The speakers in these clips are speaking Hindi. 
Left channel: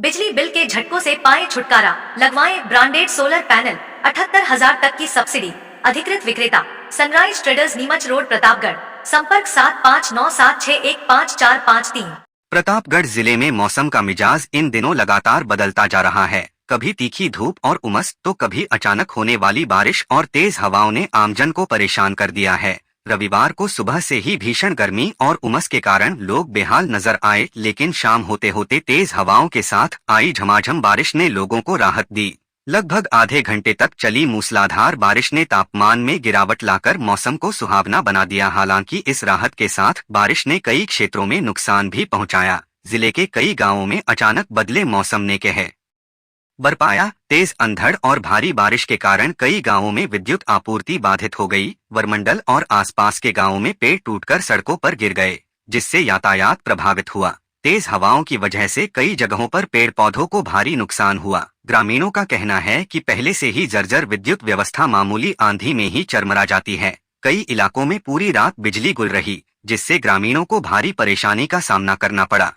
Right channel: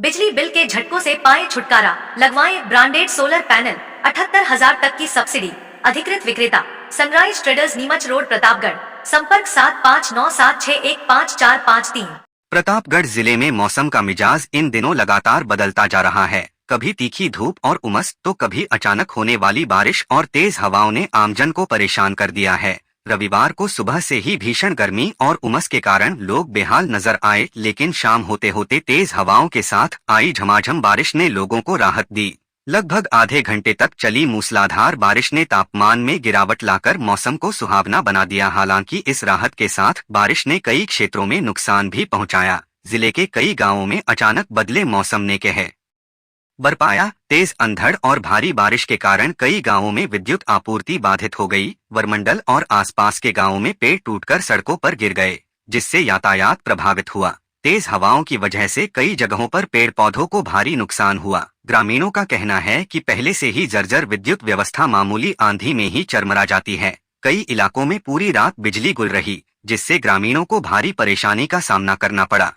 बिजली बिल के झटकों से पाएं छुटकारा, लगवाएं ब्रांडेड सोलर पैनल, 78,000 तक की सब्सिडी। अधिकृत विक्रेता sunrise traders, Neemuch road, Pratapgarh. संपर्क 7597615453। प्रतापगढ़ जिले में मौसम का मिजाज इन दिनों लगातार बदलता जा रहा है। कभी तीखी धूप और उमस तो कभी अचानक होने वाली बारिश और तेज हवाओं ने आमजन को परेशान कर दिया है। रविवार को सुबह से ही भीषण गर्मी और उमस के कारण लोग बेहाल नजर आए, लेकिन शाम होते होते तेज हवाओं के साथ आई झमाझम बारिश ने लोगों को राहत दी। लगभग आधे घंटे तक चली मूसलाधार बारिश ने तापमान में गिरावट लाकर मौसम को सुहावना बना दिया। हालांकि इस राहत के साथ बारिश ने कई क्षेत्रों में नुकसान भी पहुंचाया। जिले के कई गांवों में अचानक बदले मौसम ने कहर बरपाया। तेज अंधड़ और भारी बारिश के कारण कई गांवों में विद्युत आपूर्ति बाधित हो गई। वरमंडल और आसपास के गांवों में पेड़ टूटकर सड़कों पर गिर गए, जिससे यातायात प्रभावित हुआ। तेज हवाओं की वजह से कई जगहों पर पेड़ पौधों को भारी नुकसान हुआ। ग्रामीणों का कहना है कि पहले से ही जर्जर विद्युत व्यवस्था मामूली आंधी में ही चरमरा जाती है। कई इलाकों में पूरी रात बिजली गुल रही, जिससे ग्रामीणों को भारी परेशानी का सामना करना पड़ा।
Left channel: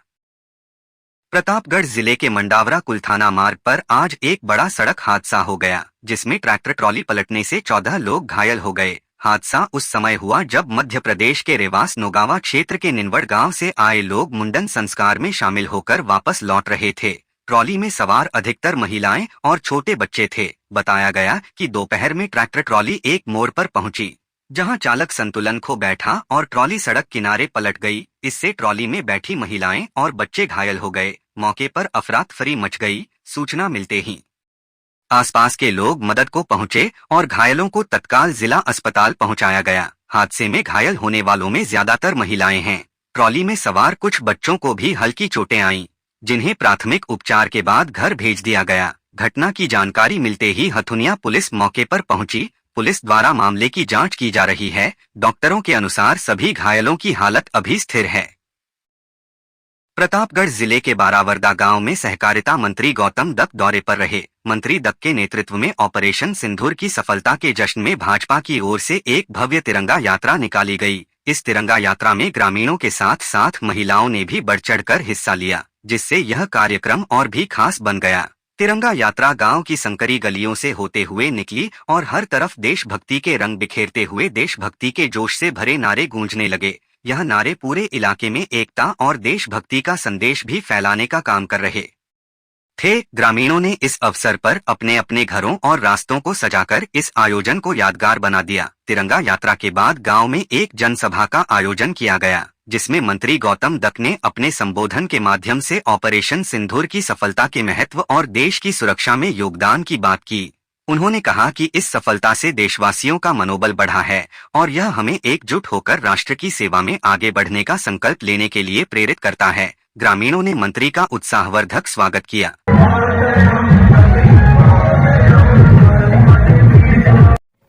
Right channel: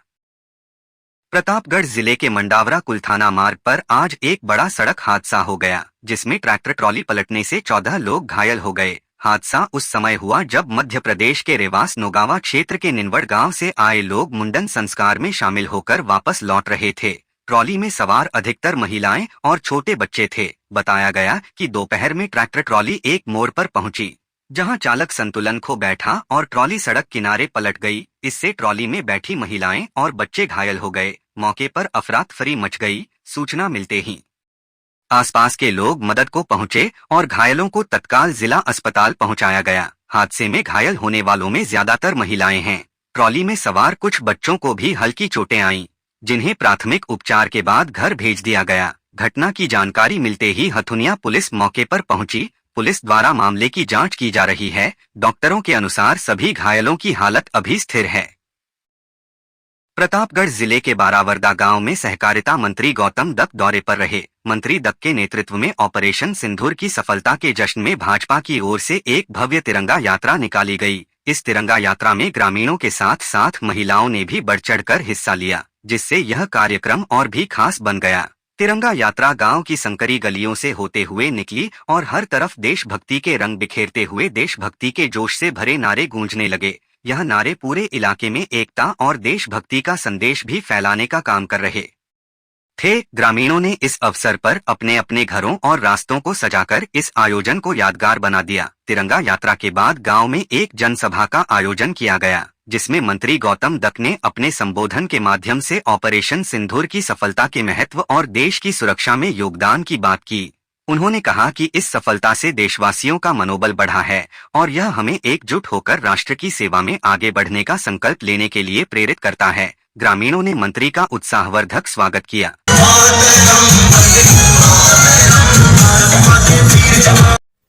प्रतापगढ़ जिले के मंडावरा कुलथाना मार्ग पर आज एक बड़ा सड़क हादसा हो गया, जिसमें ट्रैक्टर ट्रॉली पलटने से 14 लोग घायल हो गए। हादसा उस समय हुआ जब मध्य प्रदेश के रेवास नौगावा क्षेत्र के निनवड़ गांव से आए लोग मुंडन संस्कार में शामिल होकर वापस लौट रहे थे। ट्रॉली में सवार अधिकतर महिलाएं और छोटे बच्चे थे। बताया गया कि दोपहर में ट्रैक्टर ट्रॉली एक मोड़ पर पहुंची, जहां चालक संतुलन खो बैठा और ट्रॉली सड़क किनारे पलट गई। इससे ट्रॉली में बैठी महिलाएं और बच्चे घायल हो गए। मौके पर अफरातफरी मच गई। सूचना मिलते ही आसपास के लोग मदद को पहुंचे और घायलों को तत्काल जिला अस्पताल पहुंचाया गया। हादसे में घायल होने वालों में ज्यादातर महिलाएं हैं। ट्रॉली में सवार कुछ बच्चों को भी हल्की चोटें आईं, जिन्हें प्राथमिक उपचार के बाद घर भेज दिया गया। घटना की जानकारी मिलते ही हथुनिया पुलिस मौके पर पहुंची। पुलिस द्वारा मामले की जांच की जा रही है। डॉक्टरों के अनुसार सभी घायलों की हालत अभी स्थिर है। प्रतापगढ़ जिले के बारावरदा गांव में सहकारिता मंत्री गौतम दत्त दौरे पर रहे। मंत्री दत्त के नेतृत्व में ऑपरेशन सिंदूर की सफलता के जश्न में भाजपा की ओर से एक भव्य तिरंगा यात्रा निकाली गई। इस तिरंगा यात्रा में ग्रामीणों के साथ साथ महिलाओं ने भी बढ़ चढ़कर हिस्सा लिया, जिससे यह कार्यक्रम और भी खास बन गया। तिरंगा यात्रा गांव की संकरी गलियों से होते हुए निकली और हर तरफ देशभक्ति के रंग बिखेरते हुए देशभक्ति के जोश से भरे नारे गूंजने लगे। यह नारे पूरे इलाके में एकता और देशभक्ति का संदेश भी फैलाने का काम कर रहे थे। ग्रामीणों ने इस अवसर पर अपने अपने घरों और रास्तों को सजाकर इस आयोजन को यादगार बना दिया। तिरंगा यात्रा के बाद गांव में एक जनसभा का आयोजन किया गया, जिसमें मंत्री गौतम दत्त ने अपने संबोधन के माध्यम से ऑपरेशन सिंदूर की सफलता के महत्व और देश की सुरक्षा में योगदान की बात की। उन्होंने कहा कि इस सफलता से देशवासियों का मनोबल बढ़ा है और यह हमें एकजुट होकर राष्ट्र की सेवा में आगे बढ़ने का संकल्प लेने के लिए प्रेरित करता है। ग्रामीणों ने मंत्री का उत्साहवर्धक स्वागत किया।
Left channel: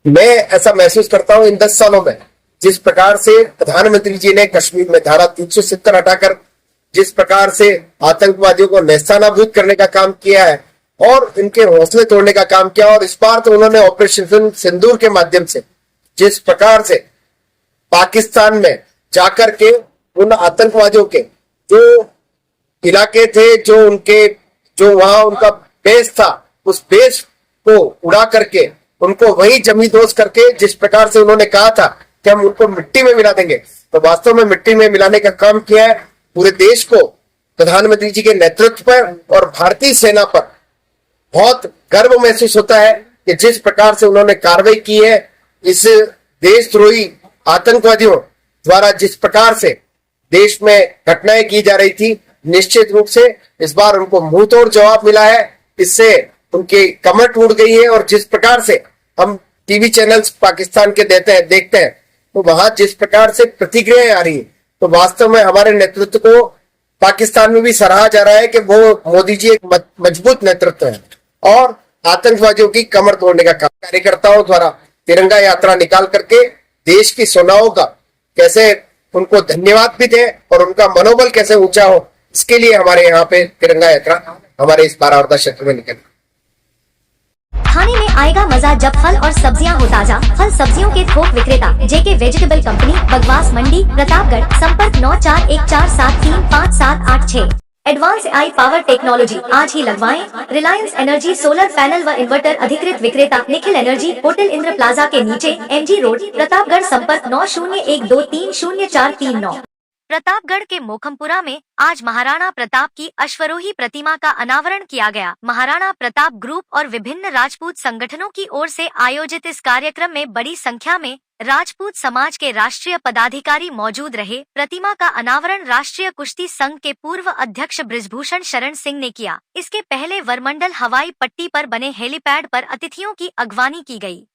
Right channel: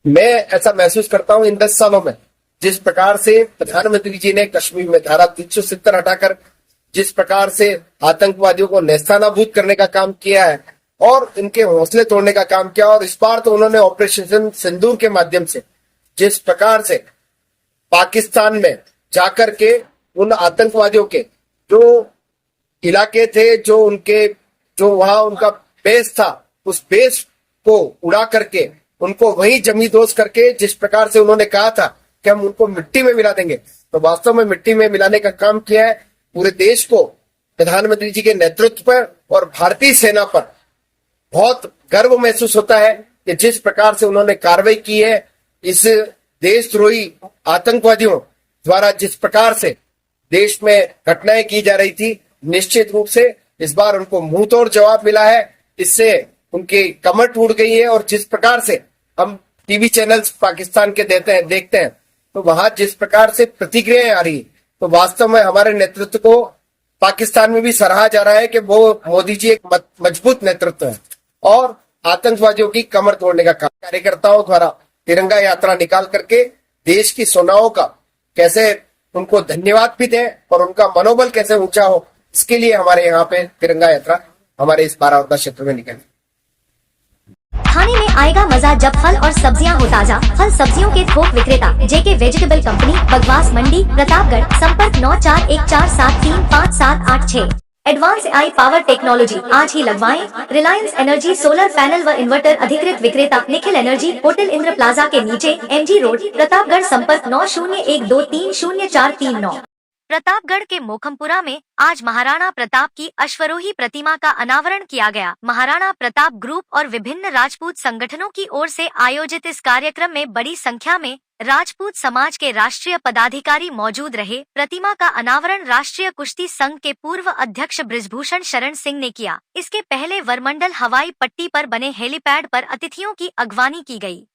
मैं ऐसा महसूस करता हूं इन 10 सालों में, जिस प्रकार से प्रधानमंत्री जी ने कश्मीर में धारा 370 हटाकर जिस प्रकार से आतंकवादियों को नेस्तानाबूद करने का काम किया है और इनके हौसले तोड़ने का काम किया, और इस बार तो उन्होंने ऑपरेशन सिंदूर के माध्यम से जिस प्रकार से पाकिस्तान में जाकर के उन आतंकवादियों के जो इलाके थे, जो वहां उनका बेस था, उस बेस को उड़ा करके उनको वही जमींदोज करके जिस प्रकार से उन्होंने कहा था कि हम उनको मिट्टी में मिला देंगे, तो वास्तव में मिट्टी में मिलाने का काम किया है। पूरे देश को प्रधानमंत्री जी के नेतृत्व पर और भारतीय सेना पर बहुत गर्व महसूस होता है कि जिस प्रकार से उन्होंने कार्रवाई की है। इस देशद्रोही आतंकवादियों द्वारा जिस प्रकार से देश में घटनाएं की जा रही थी, निश्चित रूप से इस बार उनको मुंह तोड़ जवाब मिला है। इससे उनकी कमर टूट गई है और जिस प्रकार से हम टीवी चैनल्स पाकिस्तान के देखते हैं तो वहां जिस प्रकार से प्रतिक्रियाएं आ रही है, तो वास्तव में हमारे नेतृत्व को पाकिस्तान में भी सराहा जा रहा है कि वो मोदी जी एक मजबूत नेतृत्व है और आतंकवादियों की कमर तोड़ने का काम। कार्यकर्ताओं द्वारा तिरंगा यात्रा निकाल करके देश की सेनाओं का कैसे उनको धन्यवाद भी दें और उनका मनोबल कैसे ऊंचा हो, इसके लिए हमारे यहाँ पे तिरंगा यात्रा हमारे इस बारावरदा क्षेत्र में निकली। खाने में आएगा मजा जब फल और सब्जियां हो ताजा। फल सब्जियों के थोक विक्रेता जेके वेजिटेबल कंपनी, बगवास मंडी, प्रतापगढ़। संपर्क 9414735786। एडवांस आई पावर टेक्नोलॉजी आज ही लगवाएं। रिलायंस एनर्जी सोलर पैनल व इन्वर्टर अधिकृत विक्रेता Nikhil energy, hotel Indra plaza के नीचे, MG रोड, प्रतापगढ़। संपर्क 9012300439। प्रतापगढ़ के मोखमपुरा में आज महाराणा प्रताप की अश्वरोही प्रतिमा का अनावरण किया गया। महाराणा प्रताप ग्रुप और विभिन्न राजपूत संगठनों की ओर से आयोजित इस कार्यक्रम में बड़ी संख्या में राजपूत समाज के राष्ट्रीय पदाधिकारी मौजूद रहे। प्रतिमा का अनावरण राष्ट्रीय कुश्ती संघ के पूर्व अध्यक्ष बृजभूषण शरण सिंह ने किया। इसके पहले वरमंडल हवाई पट्टी पर बने हेलीपैड पर अतिथियों की अगवानी की गई।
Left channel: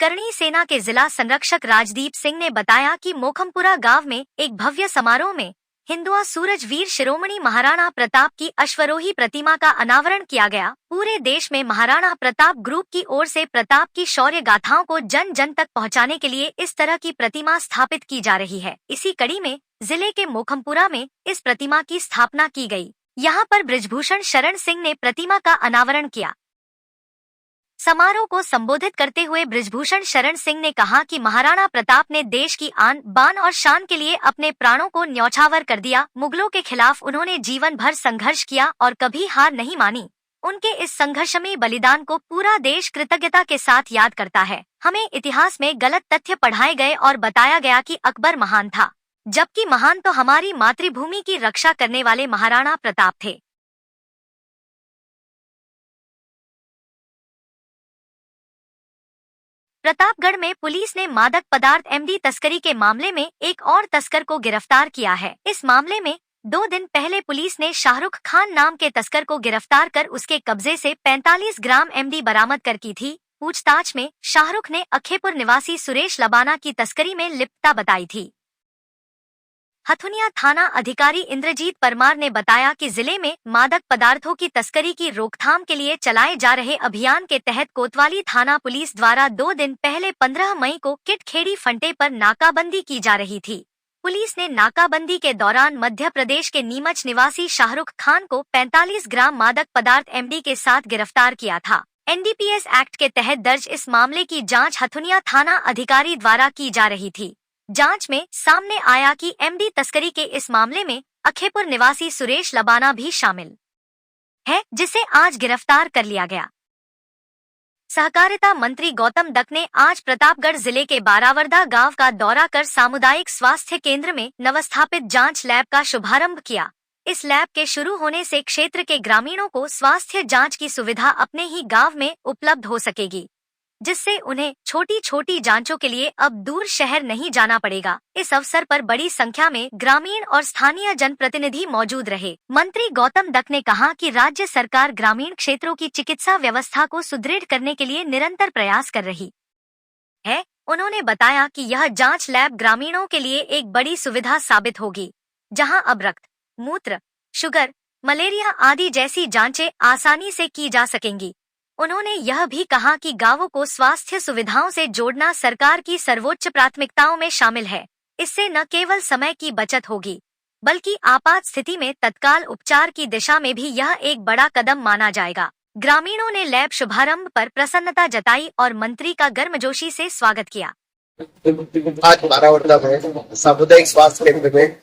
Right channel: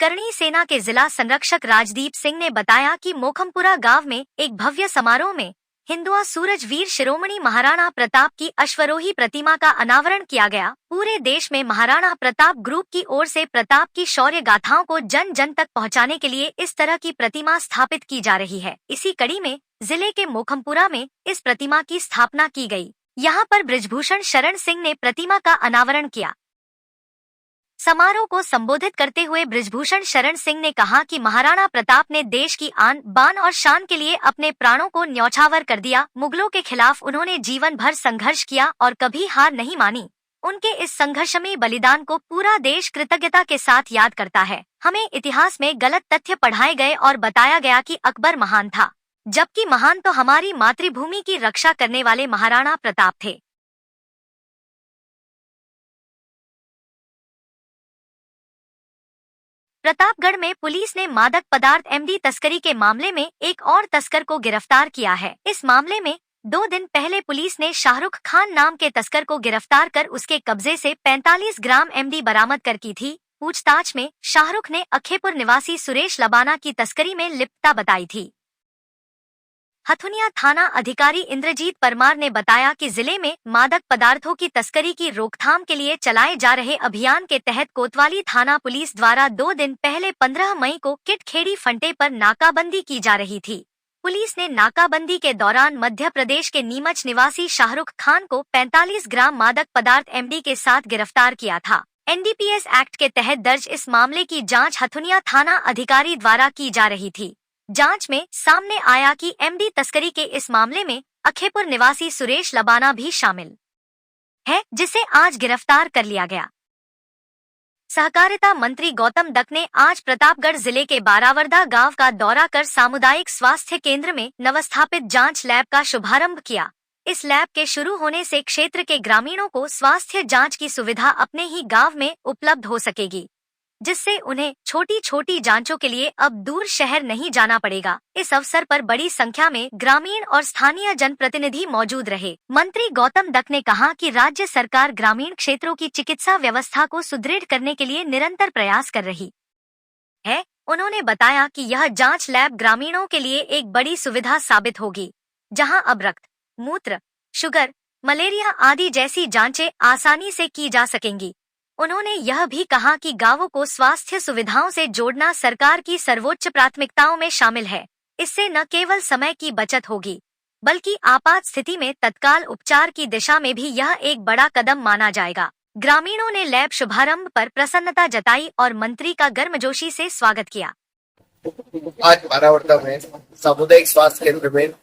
करणी सेना के जिला संरक्षक राजदीप सिंह ने बताया कि मोखमपुरा गांव में एक भव्य समारोह में हिंदुआ सूरज वीर शिरोमणि महाराणा प्रताप की अश्वरोही प्रतिमा का अनावरण किया गया। पूरे देश में महाराणा प्रताप ग्रुप की ओर से प्रताप की शौर्य गाथाओं को जन जन तक पहुंचाने के लिए इस तरह की प्रतिमा स्थापित की जा रही है। इसी कड़ी में जिले के मोखमपुरा में इस प्रतिमा की स्थापना की गई। यहां पर बृजभूषण शरण सिंह ने प्रतिमा का अनावरण किया। समारोह को संबोधित करते हुए बृजभूषण शरण सिंह ने कहा कि महाराणा प्रताप ने देश की आन बान और शान के लिए अपने प्राणों को न्यौछावर कर दिया। मुगलों के खिलाफ उन्होंने जीवन भर संघर्ष किया और कभी हार नहीं मानी। उनके इस संघर्षमयी बलिदान को पूरा देश कृतज्ञता के साथ याद करता है। हमें इतिहास में गलत तथ्य पढ़ाए गए और बताया गया कि अकबर महान था, जबकि महान तो हमारी मातृभूमि की रक्षा करने वाले महाराणा प्रताप थे। प्रतापगढ़ में पुलिस ने मादक पदार्थ MD तस्करी के मामले में एक और तस्कर को गिरफ्तार किया है। इस मामले में 2 दिन पहले पुलिस ने शाहरुख खान नाम के तस्कर को गिरफ्तार कर उसके कब्जे से 45 ग्राम MD बरामद कर की थी। पूछताछ में शाहरुख ने अखेपुर निवासी सुरेश लबाना की तस्करी में लिप्तता बताई थी। हथुनिया थाना अधिकारी इंद्रजीत परमार ने बताया कि जिले में मादक पदार्थों की तस्करी की रोकथाम के लिए चलाए जा रहे अभियान के तहत कोतवाली थाना पुलिस द्वारा 2 दिन पहले 15 मई को किटखेड़ी फंटे पर नाकाबंदी की जा रही थी। पुलिस ने नाकाबंदी के दौरान मध्य प्रदेश के नीमच निवासी शाहरुख खान को 45 ग्राम मादक पदार्थ MD के साथ गिरफ्तार किया था। NDPS एक्ट के तहत दर्ज इस मामले की जांच हथुनिया थाना अधिकारी द्वारा की जा रही थी। जांच में सामने आया कि MD तस्करी के इस मामले में अखेपुर निवासी सुरेश लबाना भी शामिल है, जिसे आज गिरफ्तार कर लिया गया। सहकारिता मंत्री गौतम दत्त ने आज प्रतापगढ़ जिले के बारावरदा गांव का दौरा कर सामुदायिक स्वास्थ्य केंद्र में नवस्थापित जांच लैब का शुभारंभ किया। इस लैब के शुरू होने से क्षेत्र के ग्रामीणों को स्वास्थ्य जांच की सुविधा अपने ही गांव में उपलब्ध हो सकेगी, जिससे उन्हें छोटी छोटी जांचों के लिए अब दूर शहर नहीं जाना पड़ेगा। इस अवसर पर बड़ी संख्या में ग्रामीण और स्थानीय जनप्रतिनिधि मौजूद रहे। मंत्री गौतम दत्त ने कहा कि राज्य सरकार ग्रामीण क्षेत्रों की चिकित्सा व्यवस्था को सुदृढ़ करने के लिए निरंतर प्रयास कर रही है। उन्होंने बताया कि यह जांच लैब ग्रामीणों के लिए एक बड़ी सुविधा साबित होगी, जहां अब रक्त, मूत्र, शुगर, मलेरिया आदि जैसी जांचें आसानी से की जा सकेंगी। उन्होंने यह भी कहा कि गांवों को स्वास्थ्य सुविधाओं से जोड़ना सरकार की सर्वोच्च प्राथमिकताओं में शामिल है। इससे न केवल समय की बचत होगी, बल्कि आपात स्थिति में तत्काल उपचार की दिशा में भी यह एक बड़ा कदम माना जाएगा। ग्रामीणों ने लैब शुभारंभ पर प्रसन्नता जताई और मंत्री का गर्मजोशी से स्वागत किया। आज बारावरदा में सामुदायिक स्वास्थ्य केंद्र में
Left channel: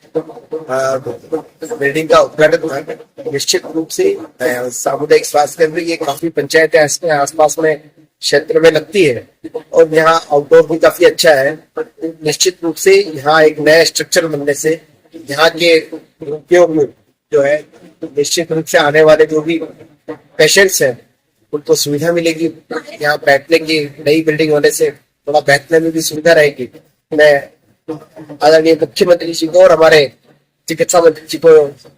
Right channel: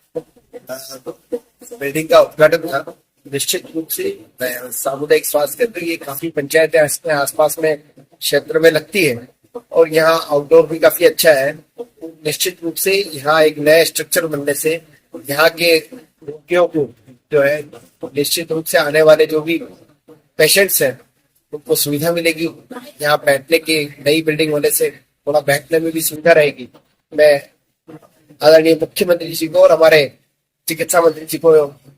बिल्डिंग का उद्घाटन था। निश्चित रूप से सामुदायिक स्वास्थ्य केंद्र ये काफी पंचायतें आसपास में क्षेत्र में लगती है और यहाँ आउटडोर भी काफी अच्छा है। निश्चित रूप से यहाँ एक नया स्ट्रक्चर बनने से यहाँ के रोगियों को जो है निश्चित रूप से आने वाले जो भी पेशेंट्स हैं उनको सुविधा मिलेगी। यहाँ बैठने की नई बिल्डिंग होने से थोड़ा बैठने में भी सुविधा रहेगी। मैं आदरणीय मुख्यमंत्री जी को और हमारे चिकित्सा मंत्री जी को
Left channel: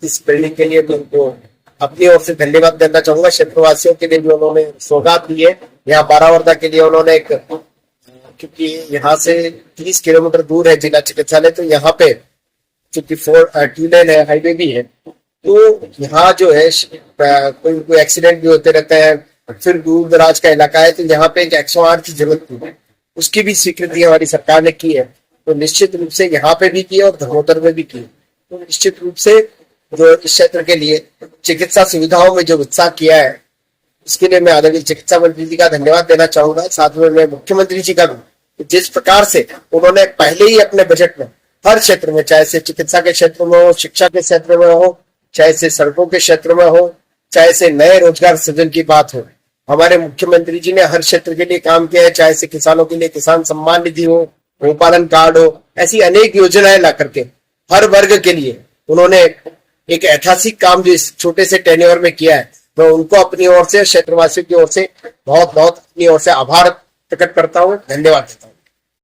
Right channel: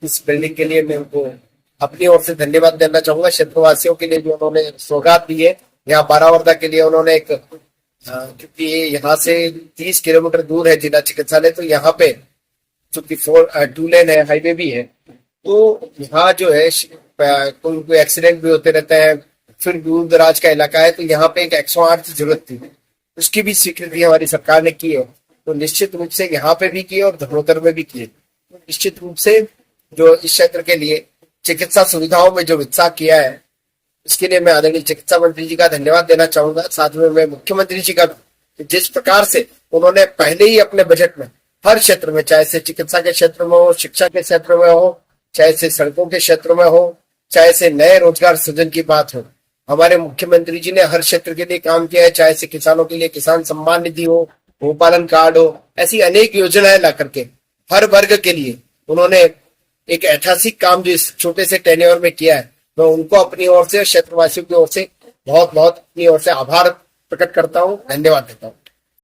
इस बिल्डिंग के लिए मैं उनको अपनी ओर से धन्यवाद देना चाहूंगा। क्षेत्रवासियों के लिए जो उन्होंने सौगात दी है, यहाँ बारावरदा के लिए उन्होंने एक क्योंकि यहाँ से 30 किलोमीटर दूर है जिला चिकित्सालय, तो यहाँ पे चूंकि 2 लेन है, हाईवे भी है, तो यहाँ जो है कोई एक्सीडेंट भी होते रहते हैं, फिर दूर दराज का इलाका है, तो यहाँ पे एक 108 की जरूरत थी, उसकी भी स्वीकृति हमारी सरकार ने की है। तो निश्चित रूप से यहाँ पे भी की और धर्मोत्तर में भी की। तो निश्चित रूप से जो इस क्षेत्र के लिए चिकित्सा सुविधाओं में जो उत्साह किया है, इसके लिए मैं आदरणीय चिकित्सा मंत्री जी का धन्यवाद देना चाहूंगा। साथ में मैं मुख्यमंत्री जी का भी, जिस प्रकार से उन्होंने पहले ही अपने बजट में हर क्षेत्र में, चाहे से चिकित्सा के क्षेत्र में हो, शिक्षा के क्षेत्र में हो, चाहे से सड़कों के क्षेत्र में हो, चाहे से नए रोजगार सृजन की बात हो। हमारे मुख्यमंत्री जी ने हर क्षेत्र के लिए काम किया है, चाहे से किसानों के लिए किसान सम्मान निधि हो, गोपालन कार्ड हो, ऐसी अनेक योजनाएं ला करके हर वर्ग के लिए उन्होंने एक ऐतिहासिक काम जो इस छोटे से टेन्योर में किया है, मैं उनको अपनी ओर से, क्षेत्रवासियों की ओर से बहुत बहुत अपनी ओर से आभार प्रकट करता हूँ, धन्यवाद देता हूँ।